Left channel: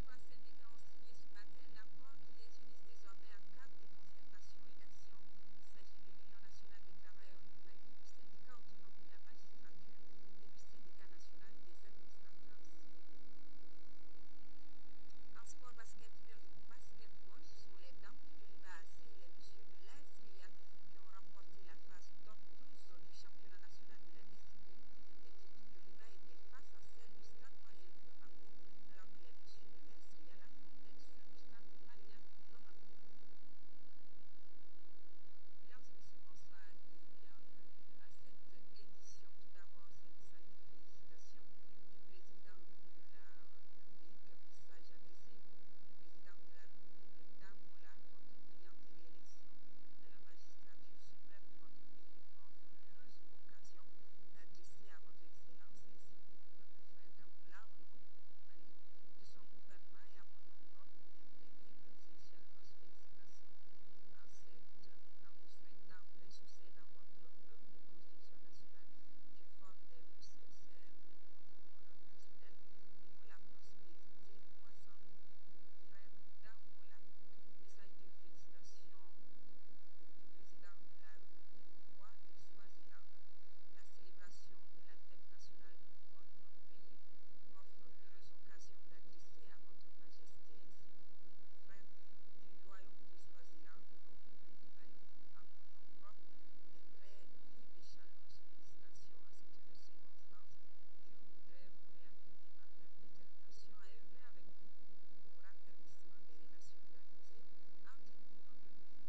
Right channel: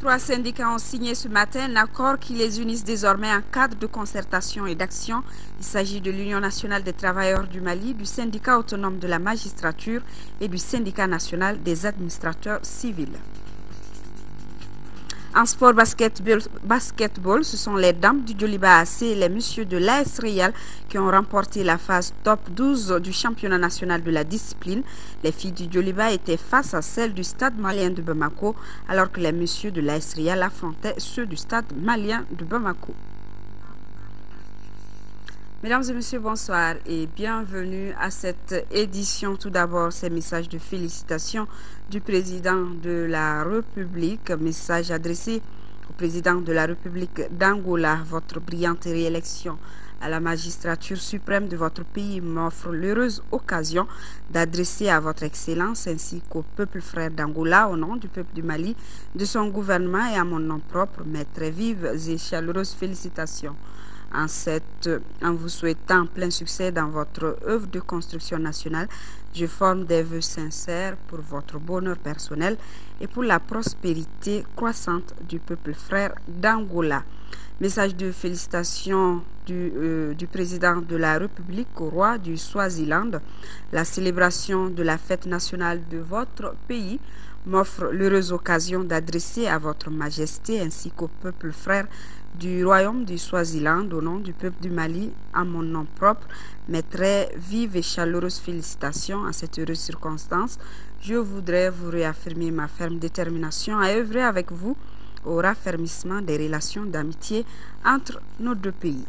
Trois syndicats ont signé ce matin un accord qui les unisse désormais en cadre de concertation et d'action. Il s'agit de l'Union nationale des travailleurs du Mali, du syndicat autonome de la magistrature et du syndicat national des administrateurs civils. En sport basketball, ce sont les dames du Djoliba AC et les messieurs de l'AS Real qui ont remporté la phase top 12 du championnat national de la discipline. Les filles du Djoliba étaient face à celles du stade malien de Bamako, alors que les messieurs de l'AS Real affrontaient ceux du stade malien de Bamako. Mesdames et messieurs, bonsoir et bienvenue à cette édition. Tout d'abord, ces messages de félicitations du président de la République, message adressé au président de la République d'Angola. Votre brillante réélection à la magistrature suprême de votre pays m'offre l'heureuse occasion d'adresser à votre Excellence ainsi qu'au peuple frère d'Angola, au nom du peuple du Mali, de son gouvernement et à mon nom propre, mes très vives et chaleureuses félicitations. En vous souhaitant plein succès dans votre œuvre de construction nationale, je forme des vœux sincères pour votre bonheur personnel et pour la prospérité croissante du peuple frère d'Angola. Message de félicitations du président de la République au roi du Swaziland. La célébration de la fête nationale de votre pays m'offre l'heureuse occasion d'adresser à votre majesté ainsi qu'au peuple frère du royaume du Swaziland, au nom du peuple du Mali, à mon nom propre, mes très vives et chaleureuses félicitations à cette heureuse circonstance. Je voudrais vous réaffirmer ma ferme détermination à œuvrer avec vous au raffermissement des relations d'amitié entre nos deux pays.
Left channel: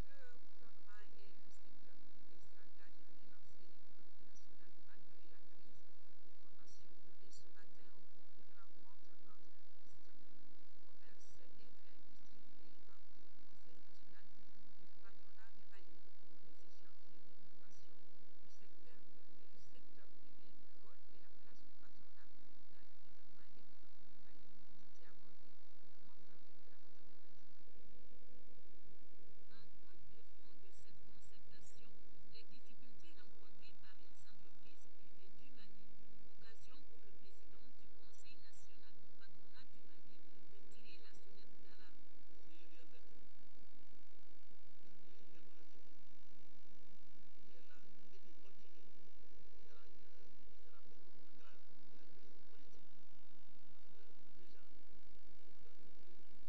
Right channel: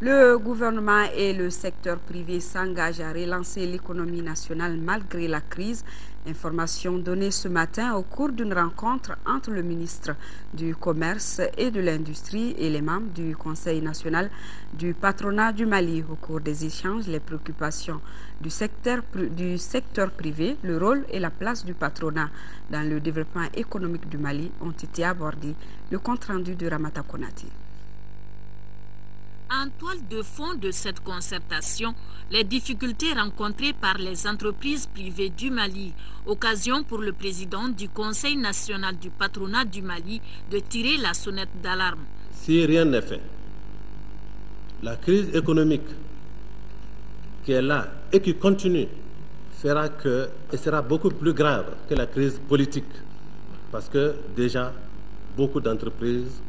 Le gouvernement et le secteur privé s'engagent à relancer l'économie nationale malgré la crise. Information donnée ce matin au cours d'une rencontre entre le ministre du Commerce et de l'Industrie et les membres du Conseil national du patronat du Mali. Au cours des échanges, les préoccupations du secteur privé, le rôle et la place du patronat dans le développement économique du Mali ont été abordés. Le compte-rendu de Ramata Konati. En toile de fond de cette concertation, les difficultés rencontrées par les entreprises privées du Mali, occasion pour le président du Conseil national du patronat du Mali de tirer la sonnette d'alarme. Si rien n'est fait, la crise économique qui est là et qui continue fera que, et sera beaucoup plus grave que la crise politique, parce que déjà beaucoup d'entreprises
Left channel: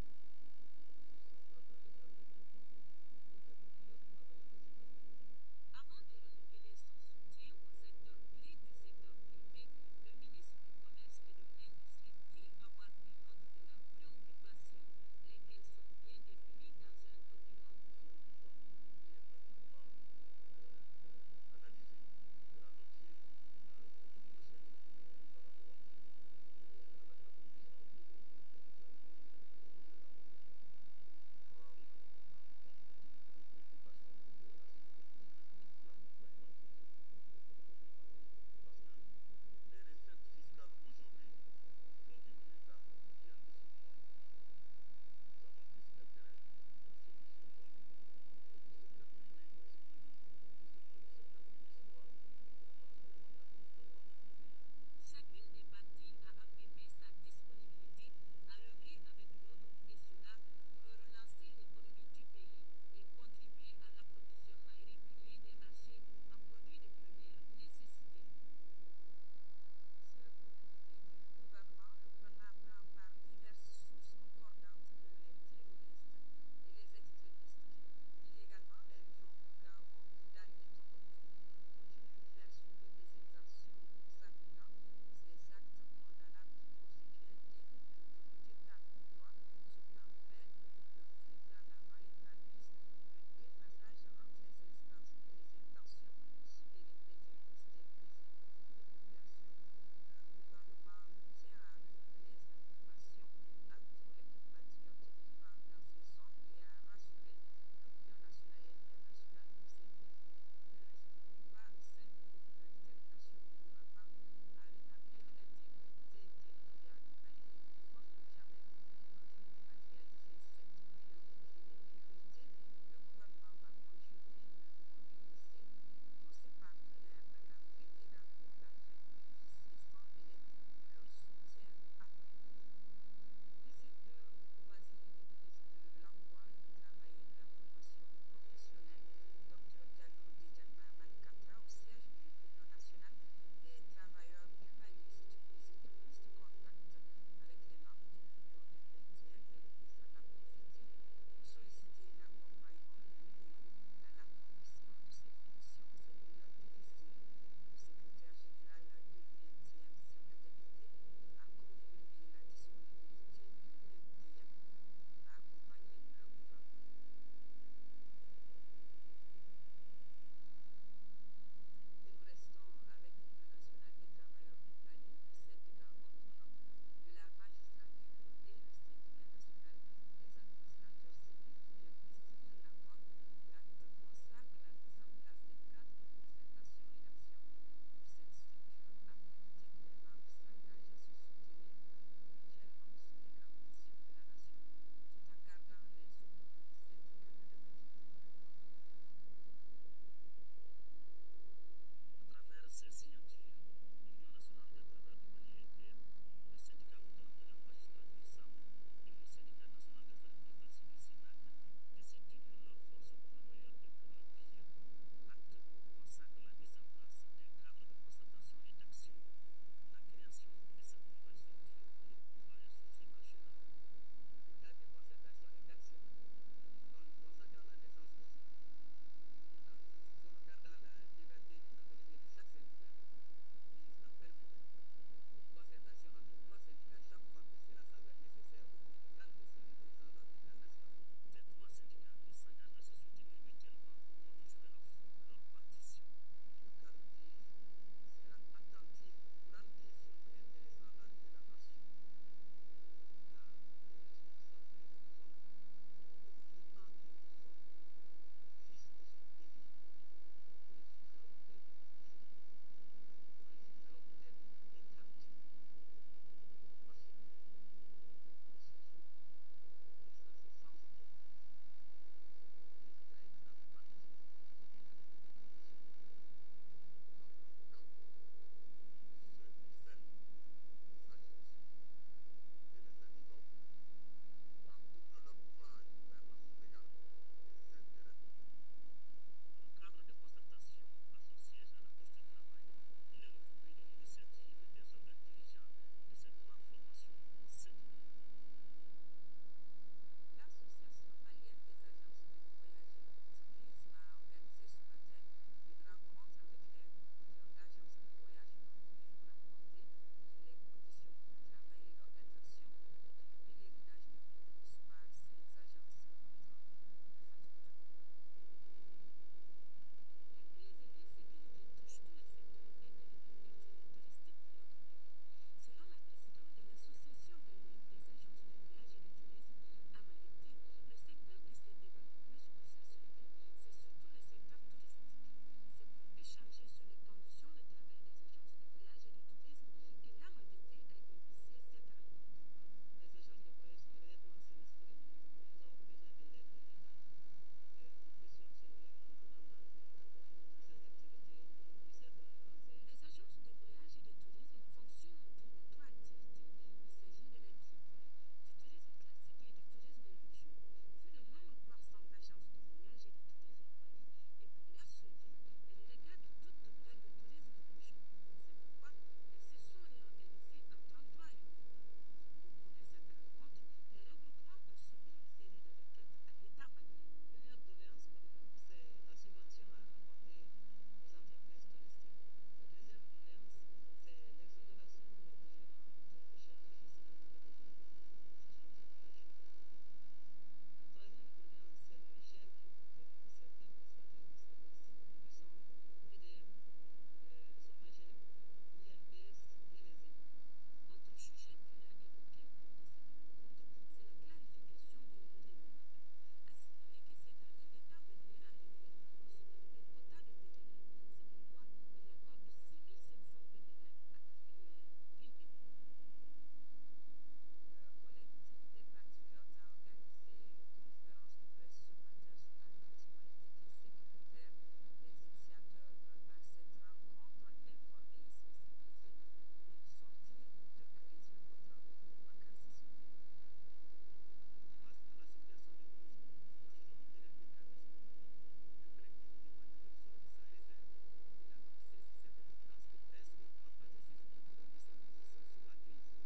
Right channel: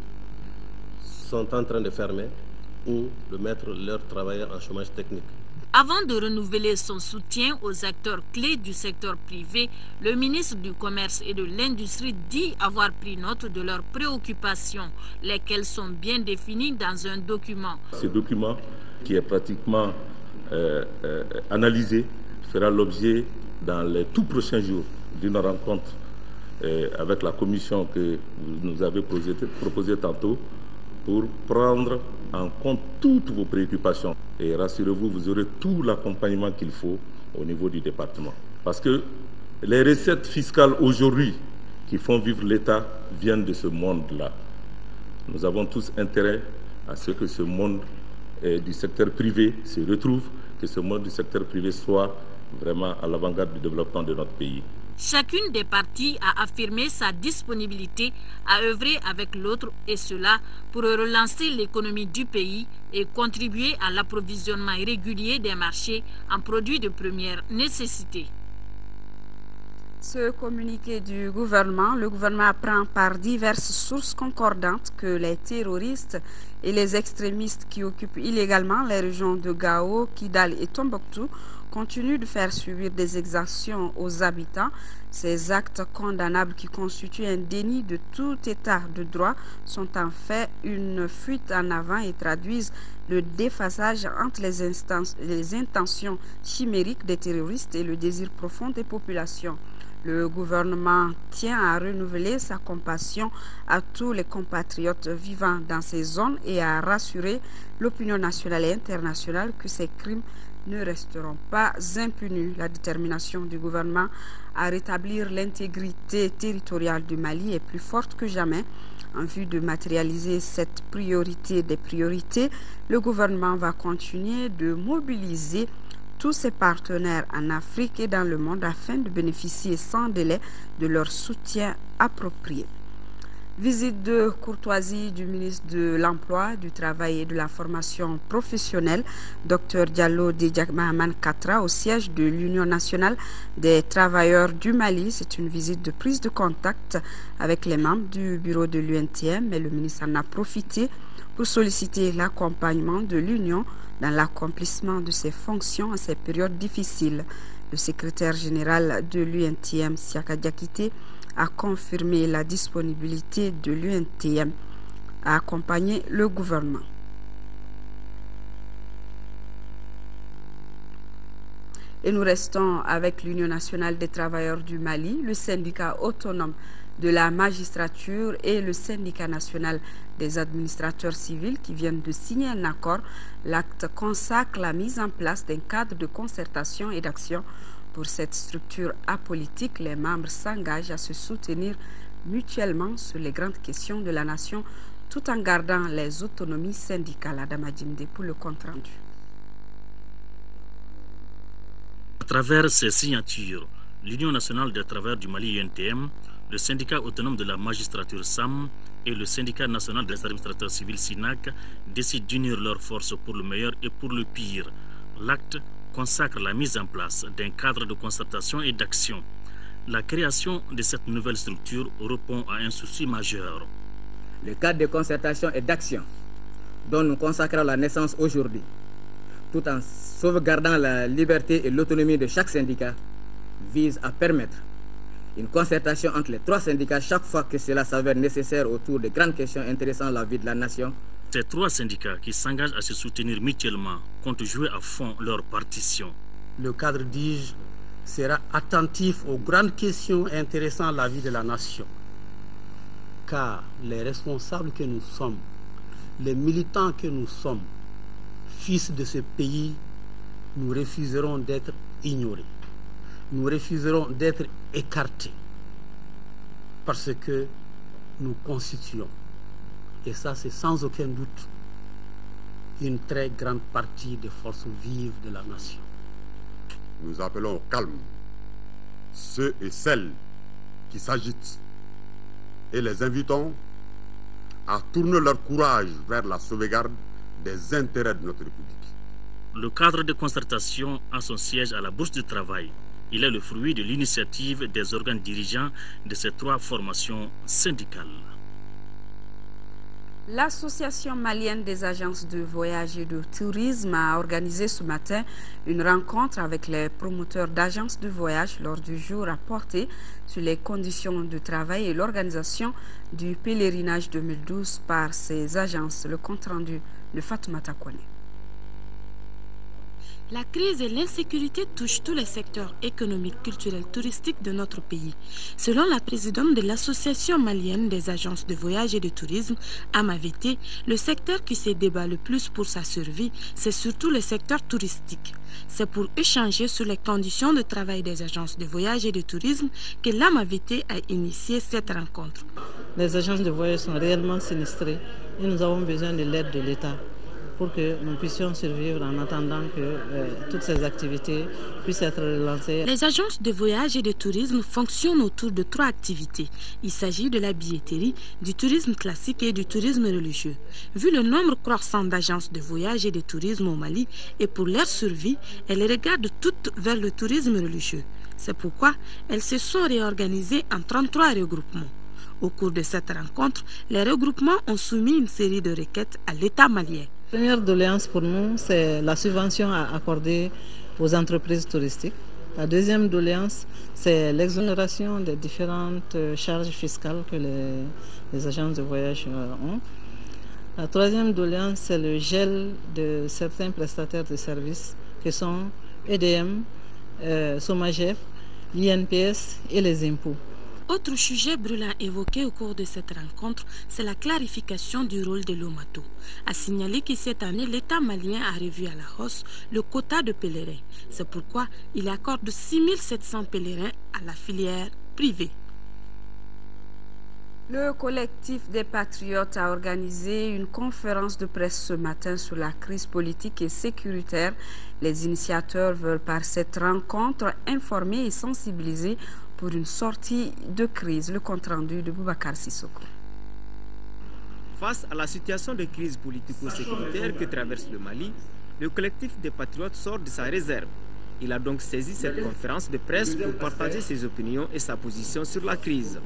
sont en train de fermer ou de mettre leurs travailleurs en chômage technique. Avant de renouveler son soutien aux acteurs clés du secteur privé, le ministre du Commerce et de l'Industrie dit avoir pris note de leurs préoccupations, lesquelles sont bien définies dans un document. Ce document, qui est pratiquement analysé, fera l'objet dans les tout prochains jours d'une rencontre avec la commission que vous nous avez proposée tantôt, pour prendre en compte toutes vos préoccupations. Et rassurez-vous, vous aurez tout l'accompagnement qu'il faut au niveau du département. Parce que les recettes fiscales aujourd'hui qui font vivre l'État viennent de ce monde-là. Nous avons tous intérêt à ce que ce monde du secteur privé se retrouve, que ce monde du secteur privé soit vraiment à l'avant-garde du développement de notre pays. Chacune des parties a affirmé sa disponibilité à œuvrer avec l'autre, et cela pour relancer l'économie du pays et contribuer à l'approvisionnement régulier des marchés en produits de première nécessité. Ce communiqué du gouvernement, le gouvernement apprend par diverses sources concordantes que les terroristes et les extrémistes qui occupent illégalement les régions de Gao, Kidal et Tombouctou continuent de faire subir des exactions aux habitants. Ces actes condamnables qui constituent un déni de tout état de droit sont en fait une fuite en avant et traduisent le déphasage entre les intentions chimériques des terroristes et le désir profond des populations. Le gouvernement tient à renouveler sa compassion à tous les compatriotes vivant dans ces zones et à rassurer l'opinion nationale et internationale que ces crimes ne resteront pas impunis. La détermination du gouvernement à rétablir l'intégrité territoriale du Mali est plus forte que jamais. En vue de matérialiser cette priorité des priorités, le gouvernement va continuer de mobiliser tous ses partenaires en Afrique et dans le monde afin de bénéficier sans délai de leur soutien approprié. Visite de courtoisie du ministre de l'Emploi, du Travail et de la Formation professionnelle, Dr Diallo Dédiak Mahaman Katra, au siège de l'Union nationale des travailleurs du Mali. C'est une visite de prise de contact avec les membres du bureau de l'UNTM, mais le ministre en a profité pour solliciter l'accompagnement de l'Union dans l'accomplissement de ses fonctions en ces périodes difficiles. Le secrétaire général de l'UNTM, Siaka Diakité, a confirmé la disponibilité de l'UNTM à accompagner le gouvernement. Et nous restons avec l'Union nationale des travailleurs du Mali, le syndicat autonome de la magistrature et le syndicat national des administrateurs civils qui viennent de signer un accord. L'acte consacre la mise en place d'un cadre de concertation et d'action. Pour cette structure apolitique, les membres s'engagent à se soutenir mutuellement sur les grandes questions de la nation tout en gardant les autonomies syndicales. Adama Djimde pour le compte-rendu. À travers ces signatures, l'Union nationale des travailleurs du Mali UNTM, le syndicat autonome de la magistrature SAM et le syndicat national des administrateurs civils SINAC décident d'unir leurs forces pour le meilleur et pour le pire. L'acte consacre la mise en place d'un cadre de concertation et d'action. La création de cette nouvelle structure répond à un souci majeur. Le cadre de concertation et d'action dont nous consacrons la naissance aujourd'hui, tout en sauvegardant la liberté et l'autonomie de chaque syndicat, vise à permettre une concertation entre les trois syndicats chaque fois que cela s'avère nécessaire autour de grandes questions intéressant la vie de la nation. Ces trois syndicats qui s'engagent à se soutenir mutuellement comptent jouer à fond leur partition. Le cadre, dis-je, sera attentif aux grandes questions intéressant la vie de la nation. Car les responsables que nous sommes, les militants que nous sommes, fils de ce pays, nous refuserons d'être ignorés. Nous refuserons d'être écartés parce que nous constituons, et ça c'est sans aucun doute, une très grande partie des forces vives de la nation. Nous appelons au calme ceux et celles qui s'agitent et les invitons à tourner leur courage vers la sauvegarde des intérêts de notre République. Le cadre de concertation a son siège à la Bourse du Travail. Il est le fruit de l'initiative des organes dirigeants de ces trois formations syndicales. L'Association malienne des agences de voyage et de tourisme a organisé ce matin une rencontre avec les promoteurs d'agences de voyage lors du jour à porter sur les conditions de travail et l'organisation du pèlerinage 2012 par ces agences. Le compte-rendu de Fatoumata Kone. La crise et l'insécurité touchent tous les secteurs économiques, culturels, touristiques de notre pays. Selon la présidente de l'Association malienne des agences de voyage et de tourisme, Amavete, le secteur qui se débat le plus pour sa survie, c'est surtout le secteur touristique. C'est pour échanger sur les conditions de travail des agences de voyage et de tourisme que l'Amavete a initié cette rencontre. Les agences de voyage sont réellement sinistrées et nous avons besoin de l'aide de l'État pour que nous puissions survivre en attendant que toutes ces activités puissent être relancées. Les agences de voyage et de tourisme fonctionnent autour de trois activités. Il s'agit de la billetterie, du tourisme classique et du tourisme religieux. Vu le nombre croissant d'agences de voyage et de tourisme au Mali et pour leur survie, elles regardent toutes vers le tourisme religieux. C'est pourquoi elles se sont réorganisées en 33 regroupements. Au cours de cette rencontre, les regroupements ont soumis une série de requêtes à l'État malien. La première doléance pour nous, c'est la subvention à accorder aux entreprises touristiques. La deuxième doléance, c'est l'exonération des différentes charges fiscales que les agences de voyage ont. La troisième doléance, c'est le gel de certains prestataires de services qui sont EDM, Somagef, l'INPS et les impôts. Autre sujet brûlant évoqué au cours de cette rencontre, c'est la clarification du rôle de l'OMATO. A signaler que cette année, l'État malien a revu à la hausse le quota de pèlerins. C'est pourquoi il accorde 6 700 pèlerins à la filière privée. Le collectif des Patriotes a organisé une conférence de presse ce matin sur la crise politique et sécuritaire. Les initiateurs veulent par cette rencontre informer et sensibiliser pour une sortie de crise. Le compte-rendu de Boubacar Sissoko. Face à la situation de crise politico-sécuritaire que traverse le Mali, le collectif des Patriotes sort de sa réserve. Il a donc saisi cette conférence de presse pour partager ses opinions et sa position sur la crise.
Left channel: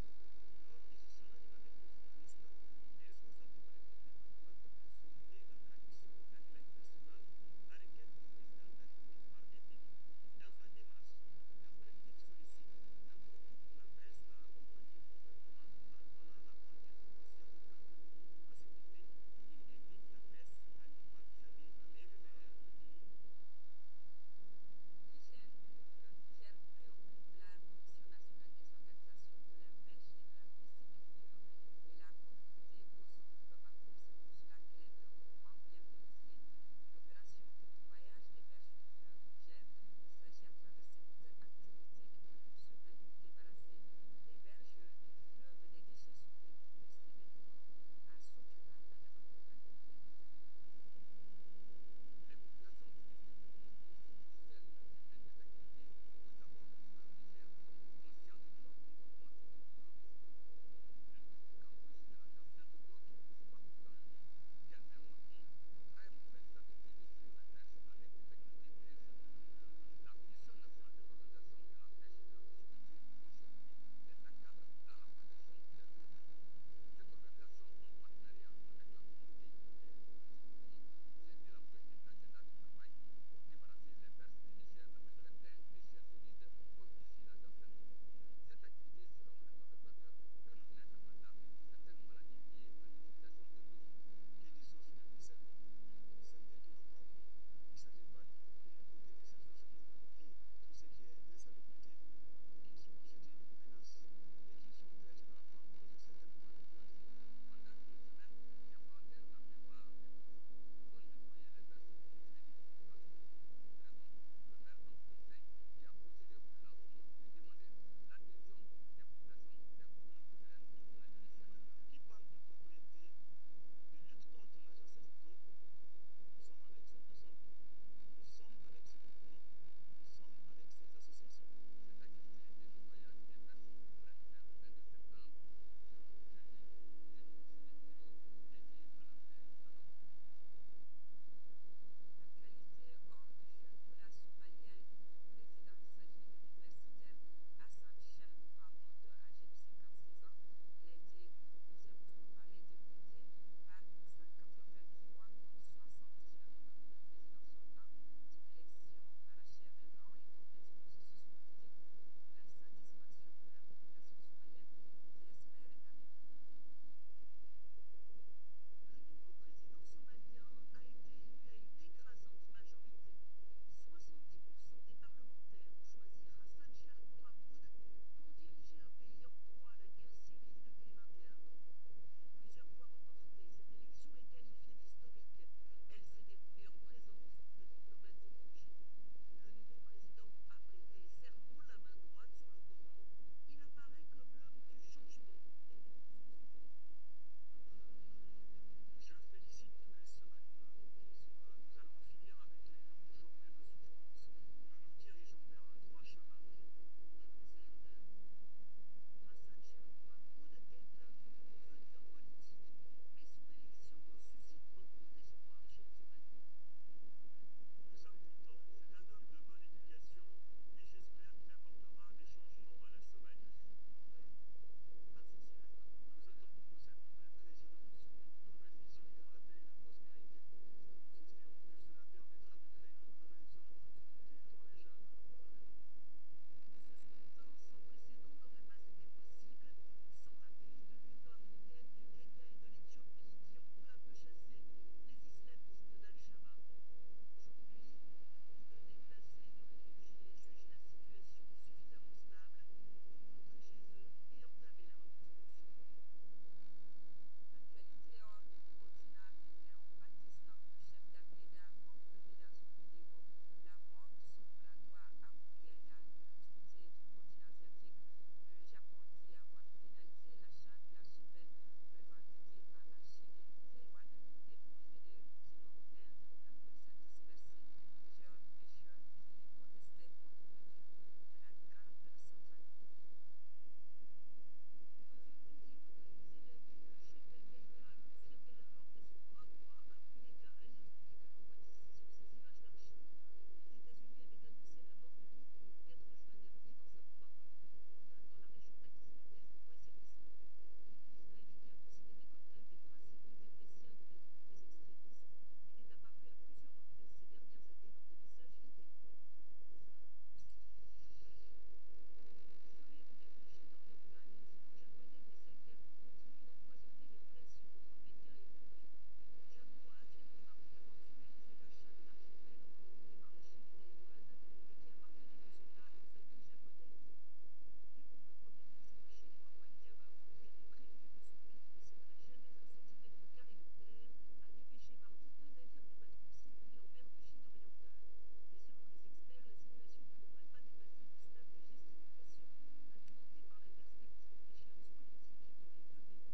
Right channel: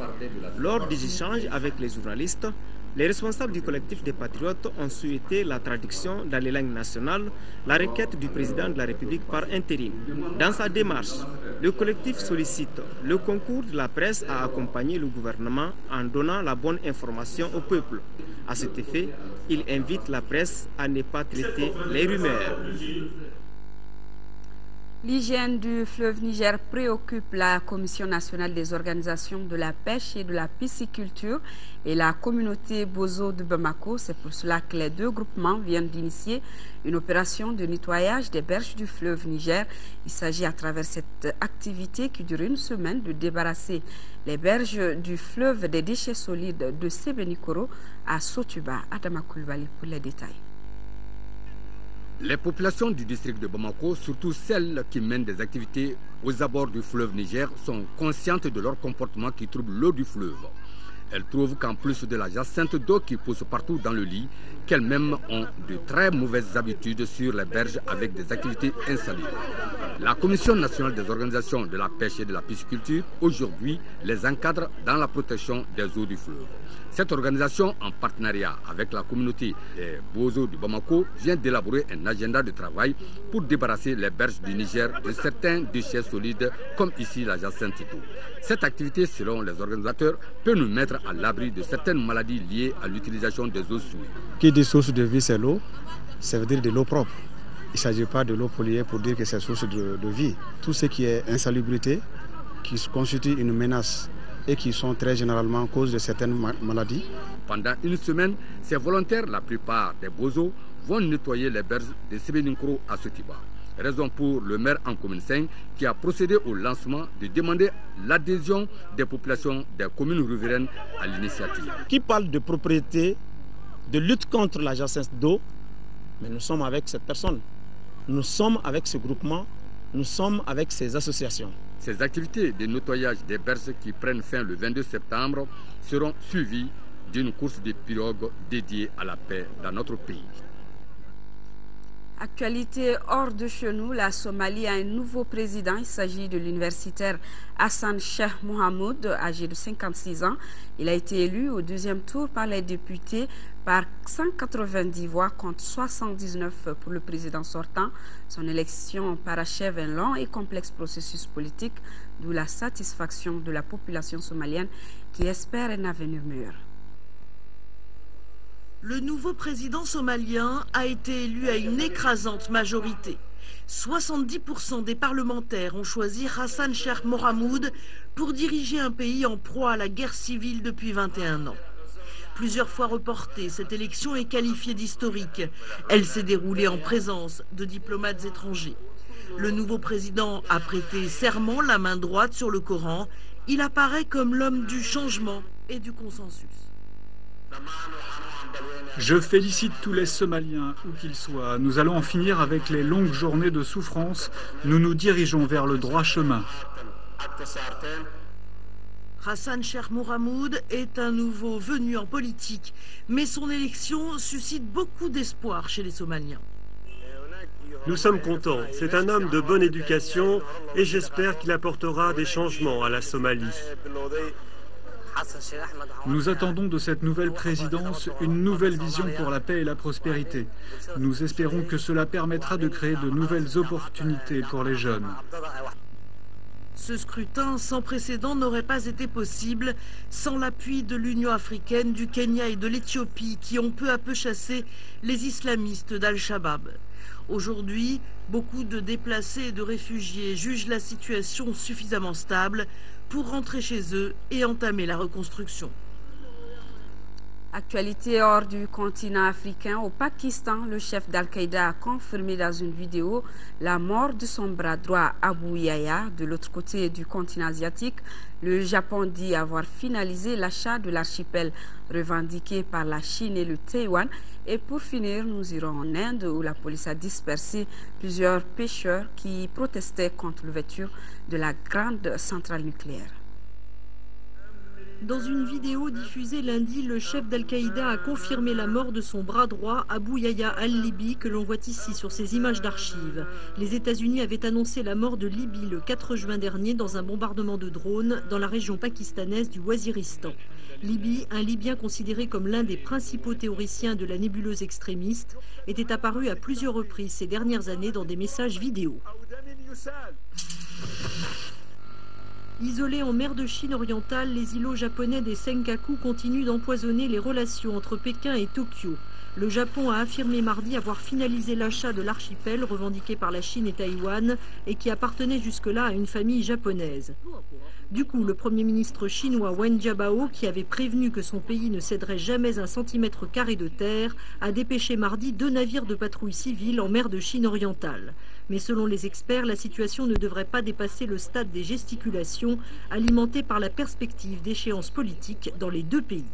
Lors des échanges avec les journalistes, les responsables du collectif des Patriotes ont souhaité la traduction dans les langues nationales, la requête du président de la République par intérim. Dans sa démarche, le collectif sollicite le concours de la presse à accompagner le gouvernement en donnant la bonne information au peuple. À cet effet, il invite la presse à ne pas traiter les rumeurs. L'hygiène du fleuve Niger préoccupe la Commission nationale des organisations de la pêche et de la pisciculture et la communauté Bozo de Bamako. C'est pour cela que les deux groupements viennent d'initier une opération de nettoyage des berges du fleuve Niger. Il s'agit à travers cette activité qui dure une semaine de débarrasser les berges du fleuve des déchets solides de Sebenikoro à Sotuba. Adama Koulibaly pour les détails. Les populations du district de Bamako, surtout celles qui mènent des activités aux abords du fleuve Niger, sont conscientes de leur comportement qui trouble l'eau du fleuve. Elles trouvent qu'en plus de la jacinthe d'eau qui pousse partout dans le lit, qu'elles-mêmes ont de très mauvaises habitudes sur les berges avec des activités insalubres. La Commission nationale des organisations de la pêche et de la pisciculture, aujourd'hui, les encadre dans la protection des eaux du fleuve. Cette organisation, en partenariat avec la communauté des Bozo du Bamako, vient d'élaborer un agenda de travail pour débarrasser les berges du Niger de certains déchets solides, comme ici la jacinthe d'eau. Cette activité, selon les organisateurs, peut nous mettre à l'abri de certaines maladies liées à l'utilisation des eaux souillées. Qui dit source de vie, c'est l'eau, ça veut dire de l'eau propre. Il ne s'agit pas de l'eau polluée pour dire que c'est source de vie. Tout ce qui est insalubrité, qui constitue une menace et qui sont très généralement cause de certaines maladies. Pendant une semaine, ces volontaires, la plupart des Bozo, vont nettoyer les berges de Sebenikoro à Sotiba. Raison pour le maire en commune 5 qui a procédé au lancement de demander l'adhésion des populations des communes riveraines à l'initiative. Qui parle de propriété, de lutte contre la jacinthe d'eau, mais nous sommes avec cette personne. Nous sommes avec ce groupement, nous sommes avec ces associations. Ces activités de nettoyage des berges qui prennent fin le 22 septembre seront suivies d'une course de pirogues dédiée à la paix dans notre pays. Actualité hors de chez nous, la Somalie a un nouveau président. Il s'agit de l'universitaire Hassan Sheikh Mohamud, âgé de 56 ans. Il a été élu au deuxième tour par les députés par 190 voix contre 79 pour le président sortant. Son élection parachève un long et complexe processus politique, d'où la satisfaction de la population somalienne qui espère un avenir meilleur. Le nouveau président somalien a été élu à une écrasante majorité. 70% des parlementaires ont choisi Hassan Sheikh Mohamud pour diriger un pays en proie à la guerre civile depuis 21 ans. Plusieurs fois reportée, cette élection est qualifiée d'historique. Elle s'est déroulée en présence de diplomates étrangers. Le nouveau président a prêté serment, la main droite sur le Coran. Il apparaît comme l'homme du changement et du consensus. Je félicite tous les Somaliens, où qu'ils soient. Nous allons en finir avec les longues journées de souffrance. Nous nous dirigeons vers le droit chemin. Hassan Sheikh Mohamud est un nouveau venu en politique, mais son élection suscite beaucoup d'espoir chez les Somaliens. Nous sommes contents. C'est un homme de bonne éducation et j'espère qu'il apportera des changements à la Somalie. Nous attendons de cette nouvelle présidence une nouvelle vision pour la paix et la prospérité. Nous espérons que cela permettra de créer de nouvelles opportunités pour les jeunes. Ce scrutin sans précédent n'aurait pas été possible sans l'appui de l'Union africaine, du Kenya et de l'Éthiopie qui ont peu à peu chassé les islamistes d'Al-Shabaab. Aujourd'hui, beaucoup de déplacés et de réfugiés jugent la situation suffisamment stable pour rentrer chez eux et entamer la reconstruction. Actualité hors du continent africain, au Pakistan, le chef d'Al-Qaïda a confirmé dans une vidéo la mort de son bras droit Abu Yahya. De l'autre côté du continent asiatique, le Japon dit avoir finalisé l'achat de l'archipel revendiqué par la Chine et le Taïwan. Et pour finir, nous irons en Inde où la police a dispersé plusieurs pêcheurs qui protestaient contre l'ouverture de la grande centrale nucléaire. Dans une vidéo diffusée lundi, le chef d'Al-Qaïda a confirmé la mort de son bras droit, Abu Yahya al-Libi, que l'on voit ici sur ces images d'archives. Les États-Unis avaient annoncé la mort de Libi le 4 juin dernier dans un bombardement de drones dans la région pakistanaise du Waziristan. Libi, un Libyen considéré comme l'un des principaux théoriciens de la nébuleuse extrémiste, était apparu à plusieurs reprises ces dernières années dans des messages vidéo. Isolés en mer de Chine orientale, les îlots japonais des Senkaku continuent d'empoisonner les relations entre Pékin et Tokyo. Le Japon a affirmé mardi avoir finalisé l'achat de l'archipel revendiqué par la Chine et Taïwan et qui appartenait jusque-là à une famille japonaise. Du coup, le Premier ministre chinois Wen Jiabao, qui avait prévenu que son pays ne céderait jamais un centimètre carré de terre, a dépêché mardi 2 navires de patrouille civile en mer de Chine orientale. Mais selon les experts, la situation ne devrait pas dépasser le stade des gesticulations, alimentées par la perspective d'échéances politiques dans les deux pays.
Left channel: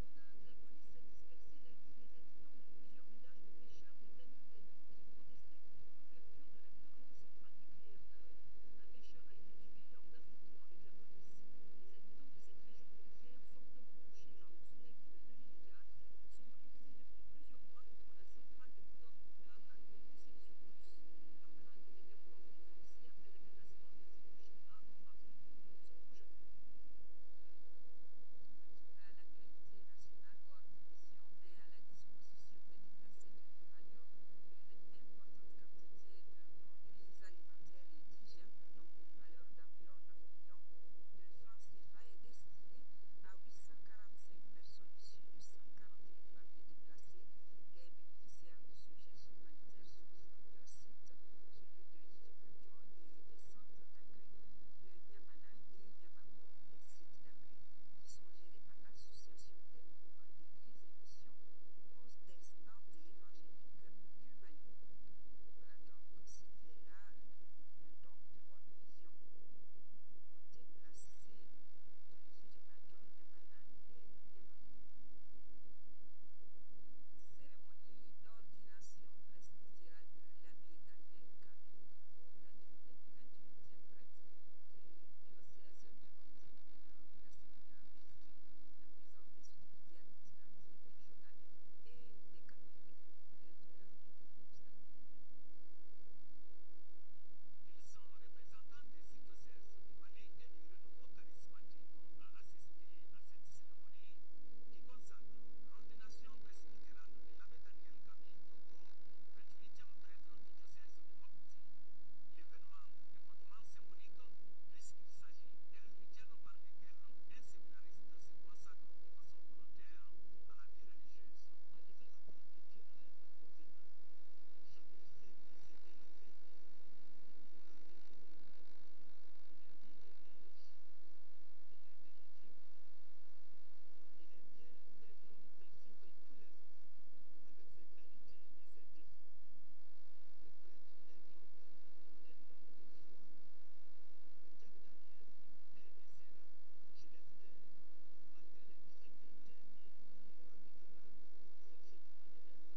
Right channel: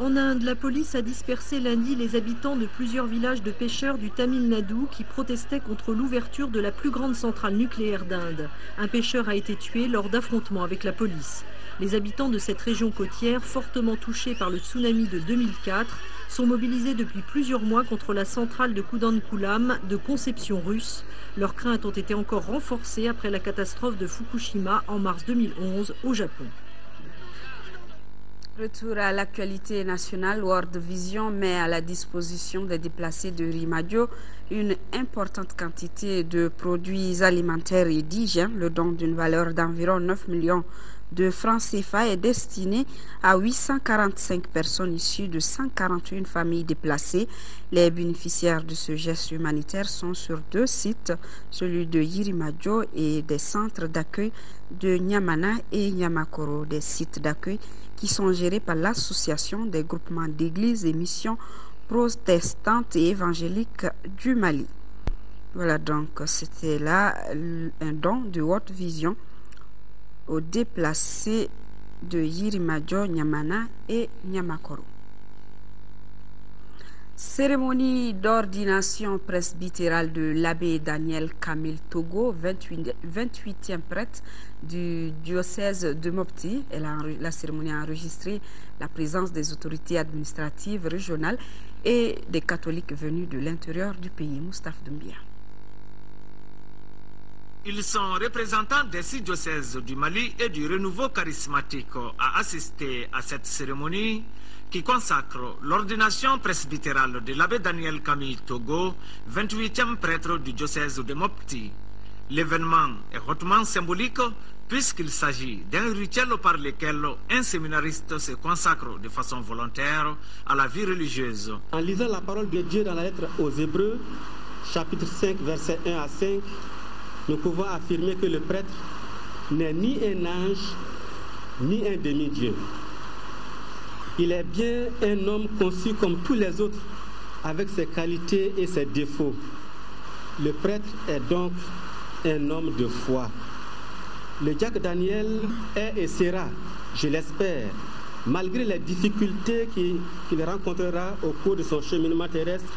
En Inde, la police a dispersé lundi les habitants de plusieurs villages de pêcheurs du Tamil Nadu qui protestaient contre l'ouverture de la plus grande centrale nucléaire d'Inde. Un pêcheur a été tué lors d'affrontements avec la police. Les habitants de cette région côtière, fortement touchés par le tsunami de 2004, sont mobilisés depuis plusieurs mois contre la centrale de Kudankulam de conception russe. Leurs craintes ont été encore renforcées après la catastrophe de Fukushima en mars 2011 au Japon. Retour à l'actualité nationale, World Vision met à la disposition des déplacés de Rimadio une importante quantité de produits alimentaires et d'hygiène. Le don d'une valeur d'environ 9 millions de francs CFA est destiné à 845 personnes issues de 141 familles déplacées. Les bénéficiaires de ce geste humanitaire sont sur 2 sites, celui de Yirimadio et des centres d'accueil de Nyamana et Nyamakoro, des sites d'accueil qui sont gérés par l'association des groupements d'églises et missions protestantes et évangéliques du Mali. Voilà donc, c'était là un don de World Vision aux déplacés de Yirimadio, Nyamana et Nyamakoro. Cérémonie d'ordination presbytérale de l'abbé Daniel Camille Togo, 28e prêtre du diocèse de Mopti. La cérémonie a enregistré la présence des autorités administratives régionales et des catholiques venus de l'intérieur du pays. Moustapha Doumbia. Ils sont représentants des 6 diocèses du Mali et du renouveau charismatique à assister à cette cérémonie qui consacre l'ordination presbytérale de l'abbé Daniel Camille Togo, 28e prêtre du diocèse de Mopti. L'événement est hautement symbolique puisqu'il s'agit d'un rituel par lequel un séminariste se consacre de façon volontaire à la vie religieuse. En lisant la parole de Dieu dans la lettre aux Hébreux, chapitre 5, versets 1 à 5, nous pouvons affirmer que le prêtre n'est ni un ange, ni un demi-dieu. Il est bien un homme conçu comme tous les autres, avec ses qualités et ses défauts. Le prêtre est donc un homme de foi. Le diacre Daniel est et sera, je l'espère, malgré les difficultés qu'il rencontrera au cours de son cheminement terrestre,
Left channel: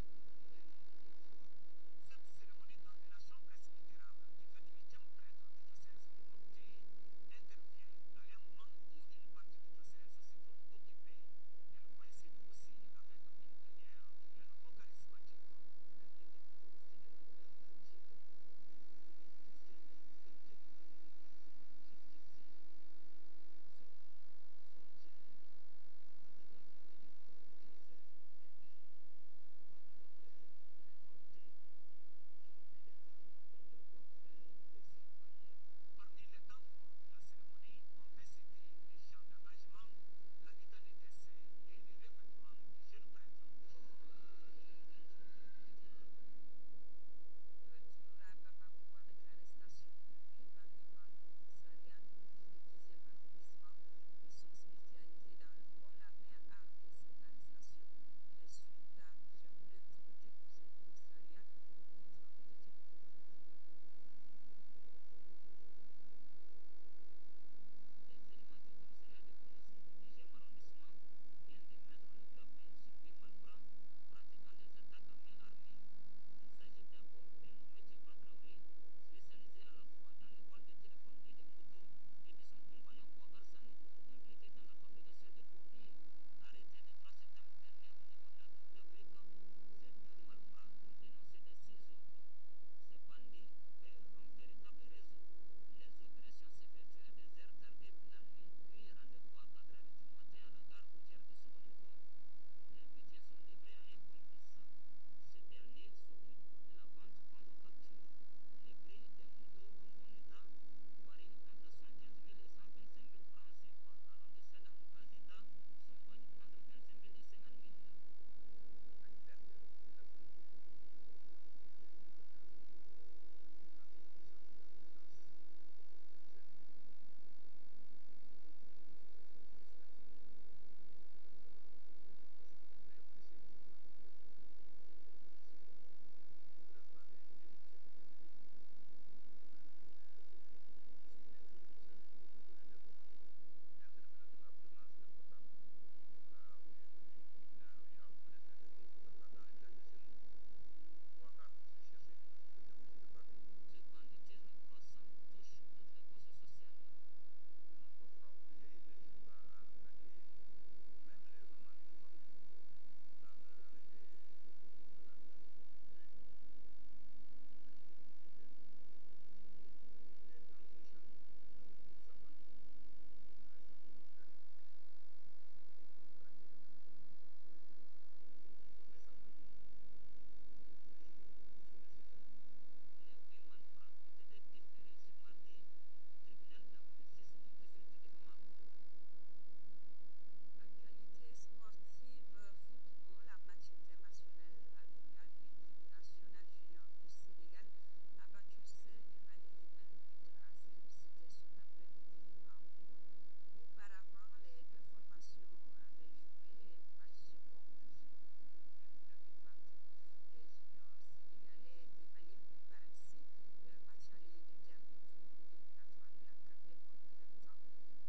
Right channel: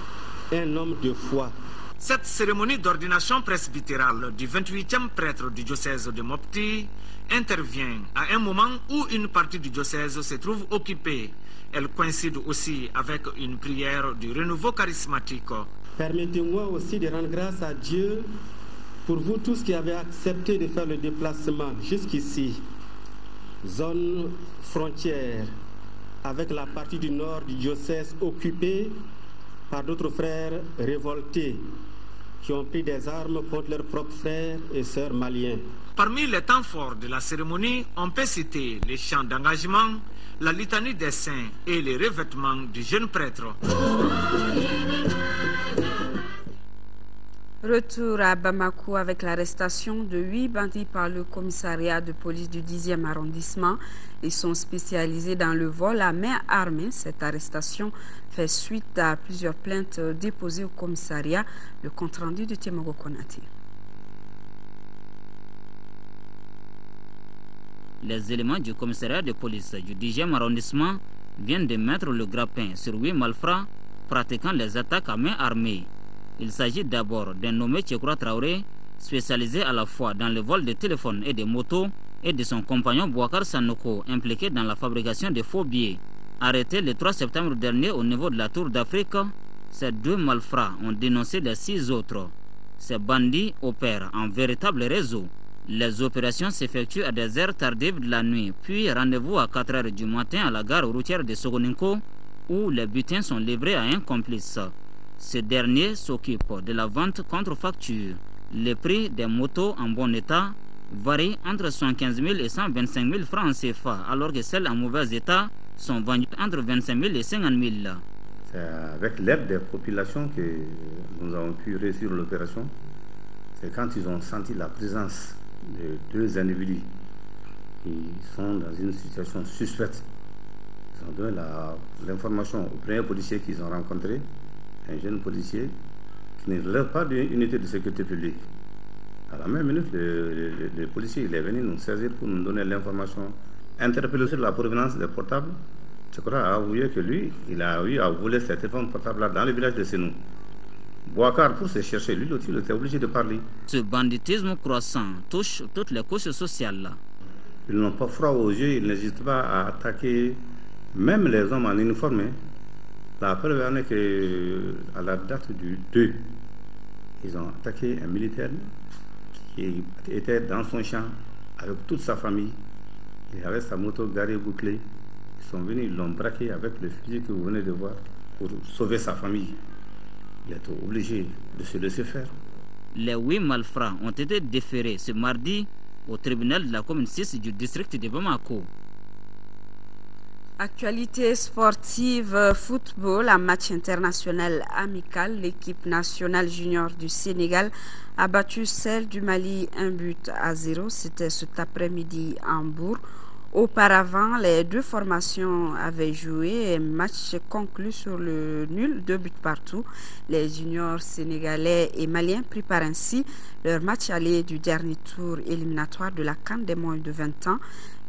un homme de foi. Cette cérémonie d'ordination presbytérale du 28e prêtre du diocèse de Mopti intervient à un moment où une partie du diocèse se trouve occupée. Elle coïncide aussi avec une prière du renouveau charismatique. Permettez-moi aussi de rendre grâce à Dieu pour vous tous qui avez accepté de faire le déplacement jusqu'ici. Zone frontière avec la partie du nord du diocèse occupée par d'autres frères révoltés qui ont pris des armes contre leurs propres frères et sœurs maliens. Parmi les temps forts de la cérémonie, on peut citer les chants d'engagement, la litanie des saints et les revêtements du jeune prêtre. Retour à Bamako avec l'arrestation de 8 bandits par le commissariat de police du 10e arrondissement. Ils sont spécialisés dans le vol à main armée. Cette arrestation fait suite à plusieurs plaintes déposées au commissariat. Le compte-rendu de Tiemogo Konati. Les éléments du commissariat de police du 10e arrondissement viennent de mettre le grappin sur 8 malfrats pratiquant les attaques à main armée. Il s'agit d'abord d'un nommé Tchekoura Traoré, spécialisé à la fois dans le vol de téléphones et de motos, et de son compagnon Bouakar Sanoko, impliqué dans la fabrication de faux billets. Arrêtés le 3 septembre dernier au niveau de la Tour d'Afrique, ces 2 malfrats ont dénoncé les 6 autres. Ces bandits opèrent en véritable réseau. Les opérations s'effectuent à des heures tardives de la nuit, puis rendez-vous à 4 h du matin à la gare routière de Sogoninko, où les butins sont livrés à un complice. Ce dernier s'occupe de la vente contre facture. Le prix des motos en bon état varie entre 75 000 et 125 000 francs CFA, alors que celles en mauvais état sont vendues entre 25 000 et 50 000. C'est avec l'aide des populations que nous avons pu réussir l'opération. C'est quand ils ont senti la présence de 2 individus qui sont dans une situation suspecte. Ils ont donné l'information au premier policier qu'ils ont rencontré, un jeune policier qui ne relève pas d'une unité de sécurité publique. À la même minute, le policier il est venu nous saisir pour nous donner l'information. Interpellé sur la provenance des portables, Tchekoura a avoué que lui, il a eu à voler ces téléphones portables-là dans le village de Senou. Bouakar, pour se chercher, lui aussi, il était obligé de parler. Ce banditisme croissant touche toutes les couches sociales. Ils n'ont pas froid aux yeux, ils n'hésitent pas à attaquer même les hommes en uniforme. La preuve en est qu'à la date du 2, ils ont attaqué un militaire qui était dans son champ avec toute sa famille. Il avait sa moto garée bouclée. Ils sont venus, ils l'ont braqué avec le fusil que vous venez de voir pour sauver sa famille. Il est obligé de se laisser faire. Les 8 malfrats ont été déférés ce mardi au tribunal de la commune 6 du district de Bamako. Actualité sportive, football, un match international amical. L'équipe nationale junior du Sénégal a battu celle du Mali 1-0. C'était cet après-midi à Hambourg. Auparavant, les 2 formations avaient joué un match conclu sur le nul, 2 buts partout. Les juniors sénégalais et maliens préparent ainsi leur match aller du dernier tour éliminatoire de la CAN des moins de 20 ans.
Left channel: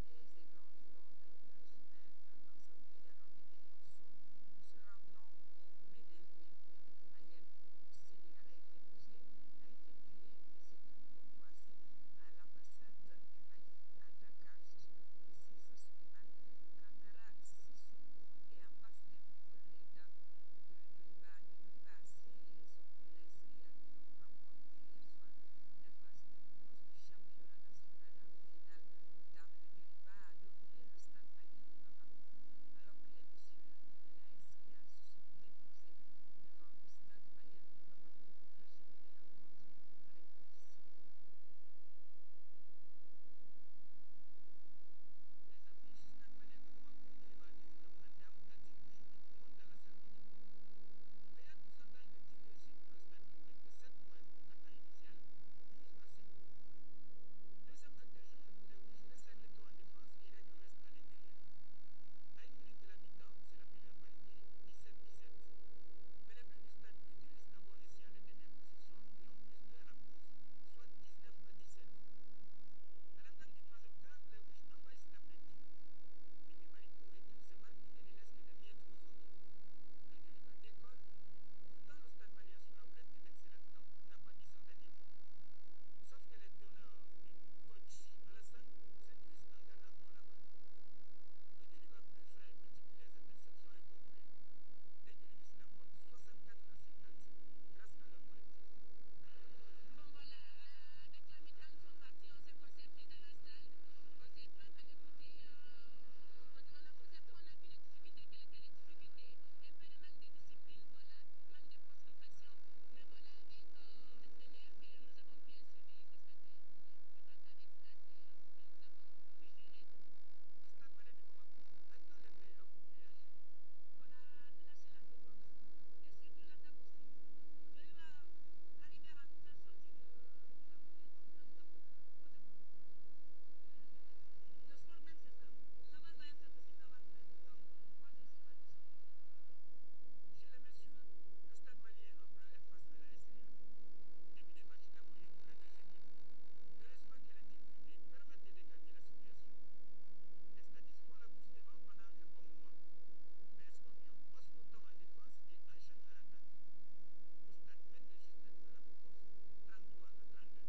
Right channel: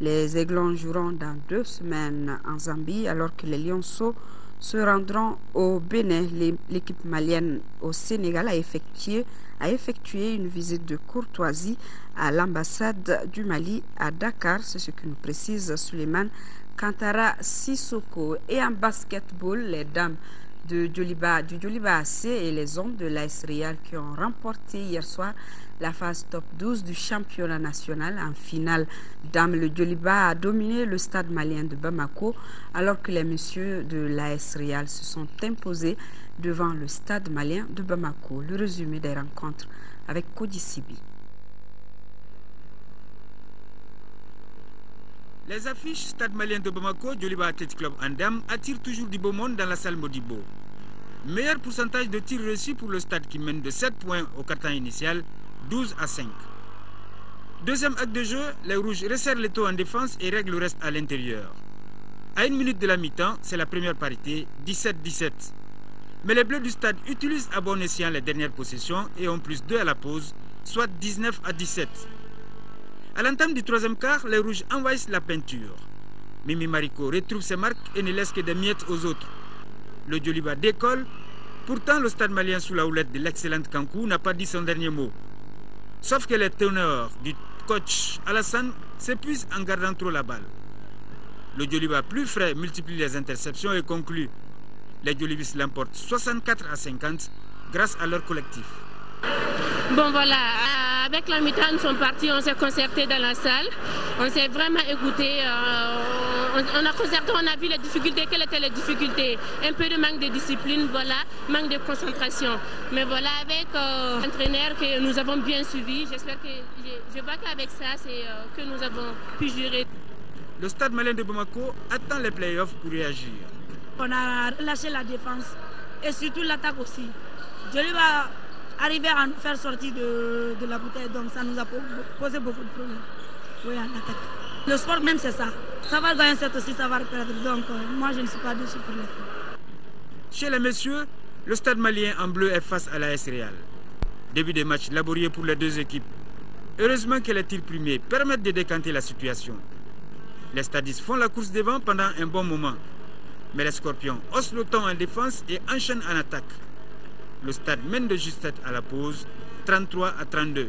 Les Aiglons joueront dans 2 semaines en Zambie, alors que les Lionceaux se rendront au Bénin. L'équipe malienne au Sénégal a effectué une visite de courtoisie à l'ambassade du Mali à Dakar. C'est ce que nous précise Suleiman Kantara Sissoko. Et en basketball, les dames du Djoliba AC et les hommes de l'AS Real qui ont remporté hier soir la phase top 12 du championnat national. En finale, dames, le Djoliba a dominé le stade malien de Bamako, alors que les messieurs de l'AS Real se sont imposés devant le stade malien de Bamako. Le résumé des rencontres avec Kodi Sibi. Les affiches Stade malien de Bamako, Djoliba Athletic Club en dames attirent toujours du beau monde dans la salle Modibo. Meilleur pourcentage de tirs reçus pour le stade qui mène de 7 points au quart-temps initial, 12-5. Deuxième acte de jeu, les rouges resserrent les taux en défense et règlent le reste à l'intérieur. À 1 minute de la mi-temps, c'est la première parité, 17-17. Mais les bleus du stade utilisent à bon escient les dernières possessions et ont plus 2 à la pause, soit 19-17. À l'entame du troisième quart, les rouges envahissent la peinture. Mimi Mariko retrouve ses marques et ne laisse que des miettes aux autres. Le Djoliba décolle. Pourtant, le stade malien sous la houlette de l'excellente Kankou n'a pas dit son dernier mot. Sauf que les teneurs du coach Alassane s'épuisent en gardant trop la balle. Le Djoliba plus frais multiplie les interceptions et conclut. Les Djolibis l'emportent 64-50 grâce à leur collectif. Bon voilà, avec la mi-temps nous sommes partis, on s'est concerté dans la salle, on s'est vraiment écouté, on a concerté, on a vu les difficultés, quelles étaient les difficultés, un peu de manque de discipline, voilà, manque de concentration. Mais voilà, avec l'entraîneur que nous avons bien suivi, j'espère que, je vois qu'avec ça, c'est que nous avons pu gérer. Le stade malien de Bamako attend les playoffs pour réagir. On a relâché la défense et surtout l'attaque aussi. Djoliba arriver à nous faire sortir de la bouteille. Donc ça nous a posé beaucoup de problèmes. Oui, en attaque. Le sport même c'est ça. Ça va gagner cette aussi, ça va perdre. Donc moi je ne suis pas déçu pour les filles. Chez les messieurs, le stade malien en bleu est face à l'AS Real. Début des matchs laborieux pour les deux équipes. Heureusement que les tirs primés permettent de décanter la situation. Les stadistes font la course devant pendant un bon moment. Mais les Scorpions haussent le ton en défense et enchaînent en attaque. Le stade mène de justesse à la pause, 33-32.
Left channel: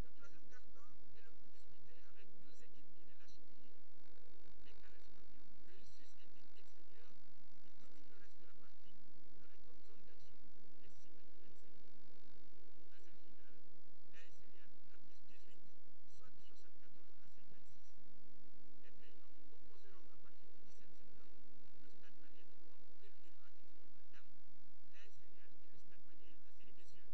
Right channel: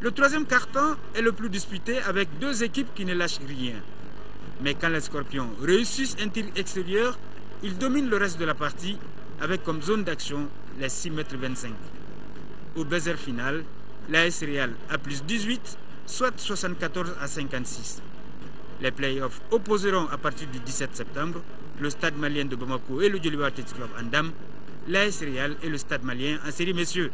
Le troisième carton est le plus disputé avec deux équipes qui ne lâchent rien. Mais quand les Scorpions réussissent un tir extérieur, ils dominent le reste de la partie avec comme zone d'action les 6,25 m. Au buzzer final, l'AS Real a plus 18, soit 74-56. Les playoffs opposeront à partir du 17 septembre le stade malien de Bamako et le Djoliba Athletic Club en dames, l'AS Real et le stade malien en série messieurs.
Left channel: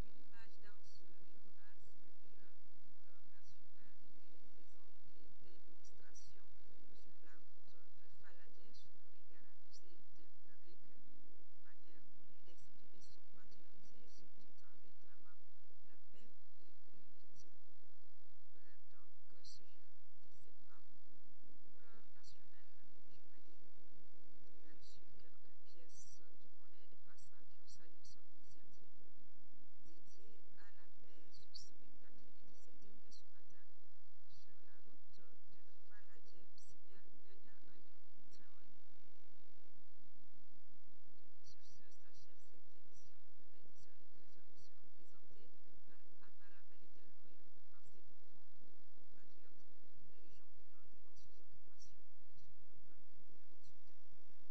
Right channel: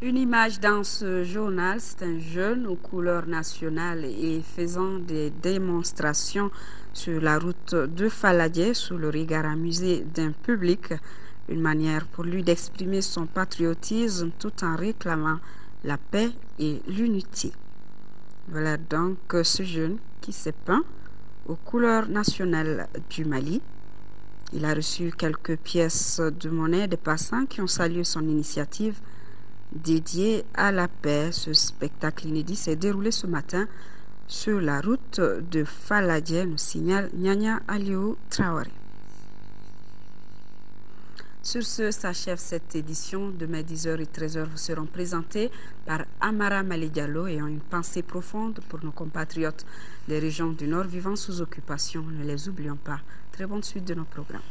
Une image dans ce journal, c'est un jeune aux couleurs nationales et faisant des démonstrations sur la route de Faladier sous le regard amusé d'un public. Une manière pour lui d'exprimer son patriotisme tout en réclamant la paix et l'unité. Voilà donc ce jeune qui s'est peint aux couleurs nationales du Mali. Il a reçu quelques pièces de monnaie des passants qui ont salué son initiative dédiée à la paix. Ce spectacle inédit s'est déroulé ce matin sur la route de Faladier, nous signale Nyanya Aliou Traoré. Sur ce, s'achève cette édition. Demain, 10h et 13h vous seront présentés par Amara Malidialo ayant une pensée profonde pour nos compatriotes des régions du Nord vivant sous occupation. Ne les oublions pas. Très bonne suite de nos programmes.